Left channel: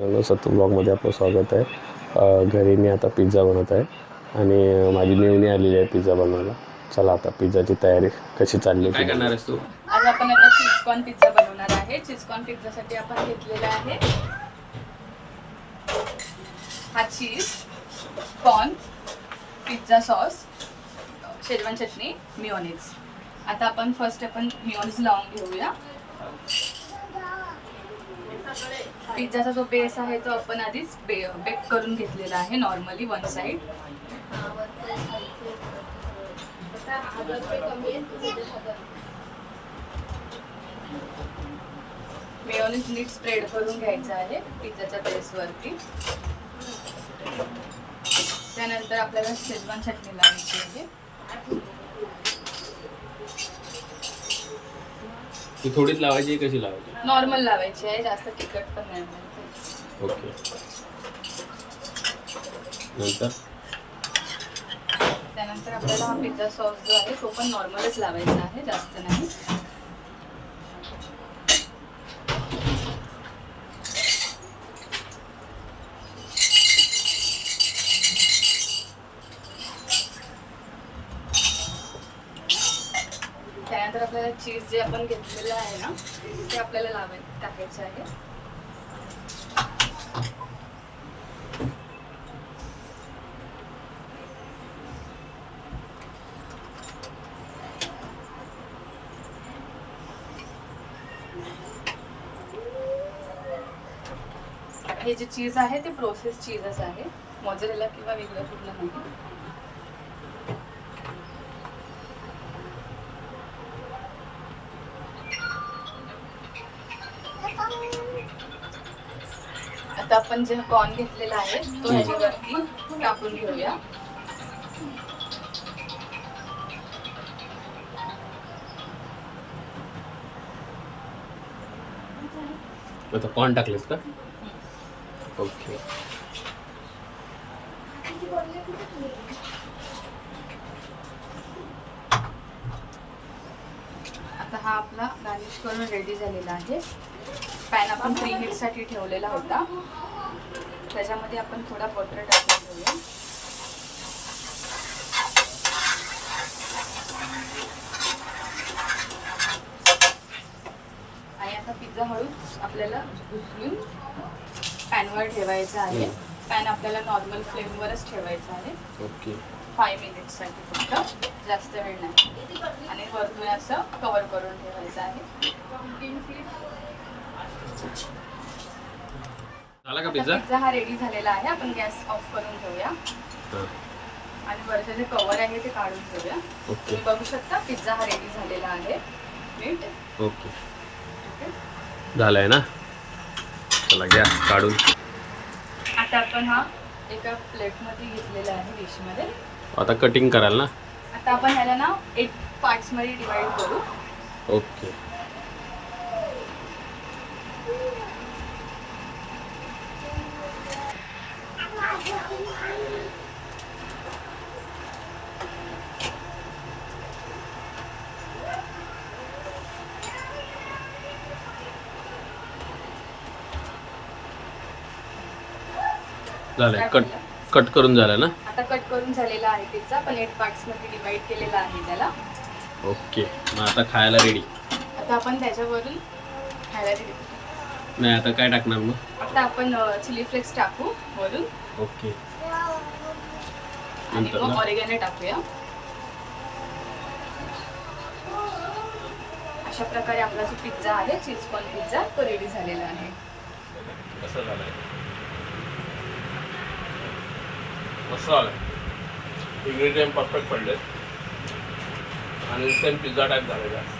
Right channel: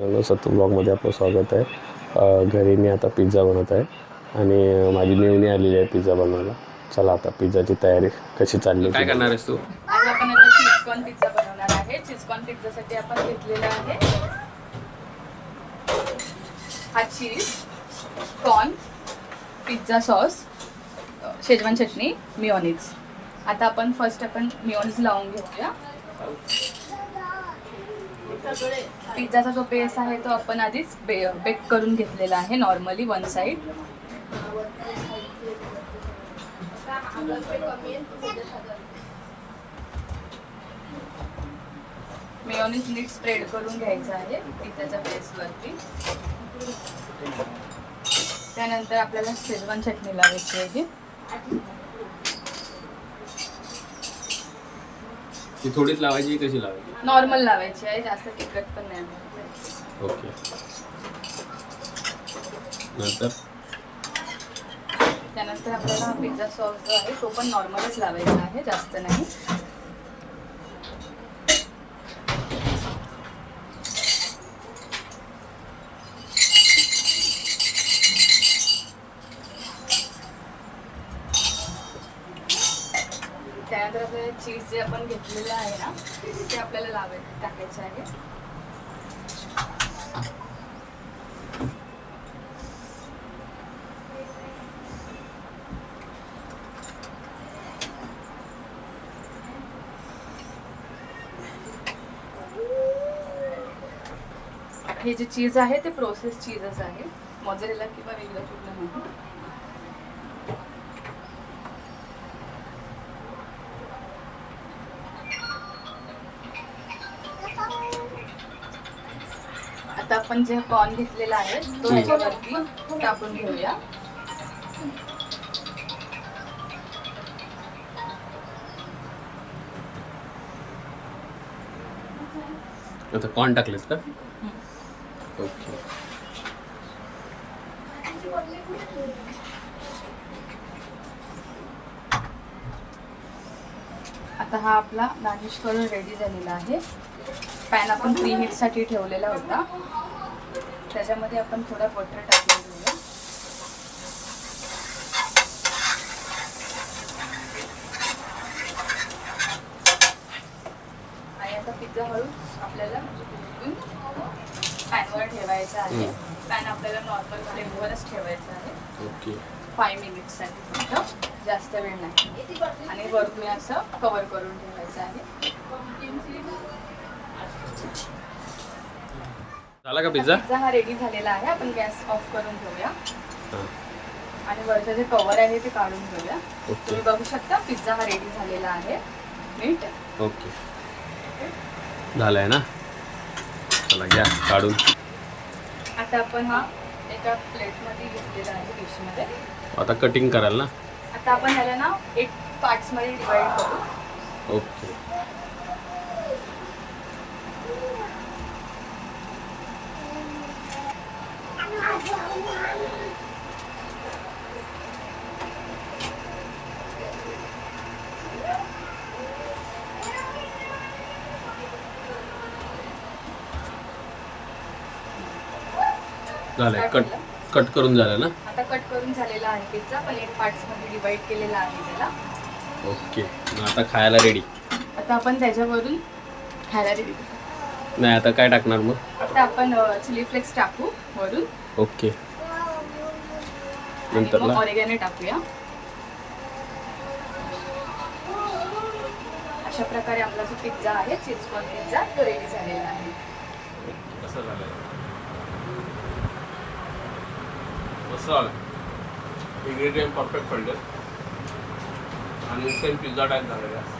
मित्रांनो सत्तू ब्लॉगमध्ये आपलं स्वागत आहे. घरी मी आता पिझ्झा बनवत आहे आणि माझी मेवणी आलेली आहे पिझ्झा बनवायला. चला आता पिझ्झाची तयारी कशी चालली काय करणार आहेस तू? आज आपण आता चीज कॉर्न पिझ्झा बनवणार आहे. चीज कॉर्न पिझ्झासाठी आपण घेतलेला आहे हा cheese corn pizza sauce schezwan चटणी मिओनिज आता आपण फर्स्ट आपण मिओनिज लावून घेऊया. पिझ्झाचा जो बेस आहे तो आपण आधीच बे बेक करून घेतलेला आहे नॉर्मली वन साईड मेयोनीज नीट स्प्रेड करून घ्यायचं आहे पिझ्झाच्या बेसवरती त्यानंतर आपल्याला शेजवान चटणी लावायची आहे. ती थोडीच लावायची कशी लावायची? नॉर्मल लावायची आहे जास्त तिखट पण नाही लावायची. ओके. नंतर? त्यानंतर आपल्याला हा पिझ्झा सॉस जो आहे तो पण नॉर्मलच लावायचा आहे जास्त नाही. आपल्याला चीज जे आपण घेतलेलं आहे ना ते आपल्याला लावाय टाकायचं आहे. हे जे चीज आहे ते प्रोसेस चीजच आहे. मोजरेला किंवा वेगळं कुठलं नाही. आता आपण जे कॉर्न घेतलेला आहे तो ह्याच्यावरती टाकून घेऊया. आता कॉर्न टाकलेस का? ओके आता हा आपला गार्निश करून रेडी झालेला आहे. पॅन आपण प्री हीटसाठी ठेवलेला होता. त्याच्यामध्ये आपण थोडा बटर टाकून घेऊया. आणि आता पिझ्झा हळूच आपल्याला उचलून पॅनवर ठेवायचा आहे. पॅन आपल्याला नॉर्मल फ्लेमवरच ठेवायचा आहे. ओके. फाय मिनिट्ससाठी फक्त. जास्त वेळ नाही. आणि वरतून असं कवर करून ठेवायचं आहे. झाला का पिझ्झा पिझ्झा हा रेडी झालेला आहे. आपण गॅस ऑफ करून घेऊया. आणि वरचं जे कवर आहे ते काढून घेऊया. ओके. तुम्ही बघू शकता पिझ्झा हा रेडी झालेला आहे. नीट ओके. झालाय ना? चला घ्या काढून. आता आपण हा एका प्लेटमध्ये घेतलेला आहे डिशमध्ये आता कटिंग कराल ना? आता आपण ह्याला ना एट पार्ट्समध्ये डिवाइड करू. ओके. झालंय. कट कट करून झालं ना? आता कट करून झालेला आहे पिझ्झा पण एट पार्ट्समध्ये डिवाइड केलेला आहे त्याला. ओके मग आता खायला रेडी आता आपण त्याच्यावरून ह्याला रेडी नाही आता काय टाकणार मग? आता आपण चिली फ्लेक्स टाकू वरून. ओके. आणि नंतर मग ना ऑरिगॅनो टाकूया. अशा प्रकारे आपला जो पिझ्झा आहे चीज कॉर्न पिझ्झा तो रेडी झालेला आहे. कसं झालंय? मस्त झालंय. इन्ग्रेडियंट परफेक्ट पडले आणि सेम पिझ्झा टाईप झालेला आहे.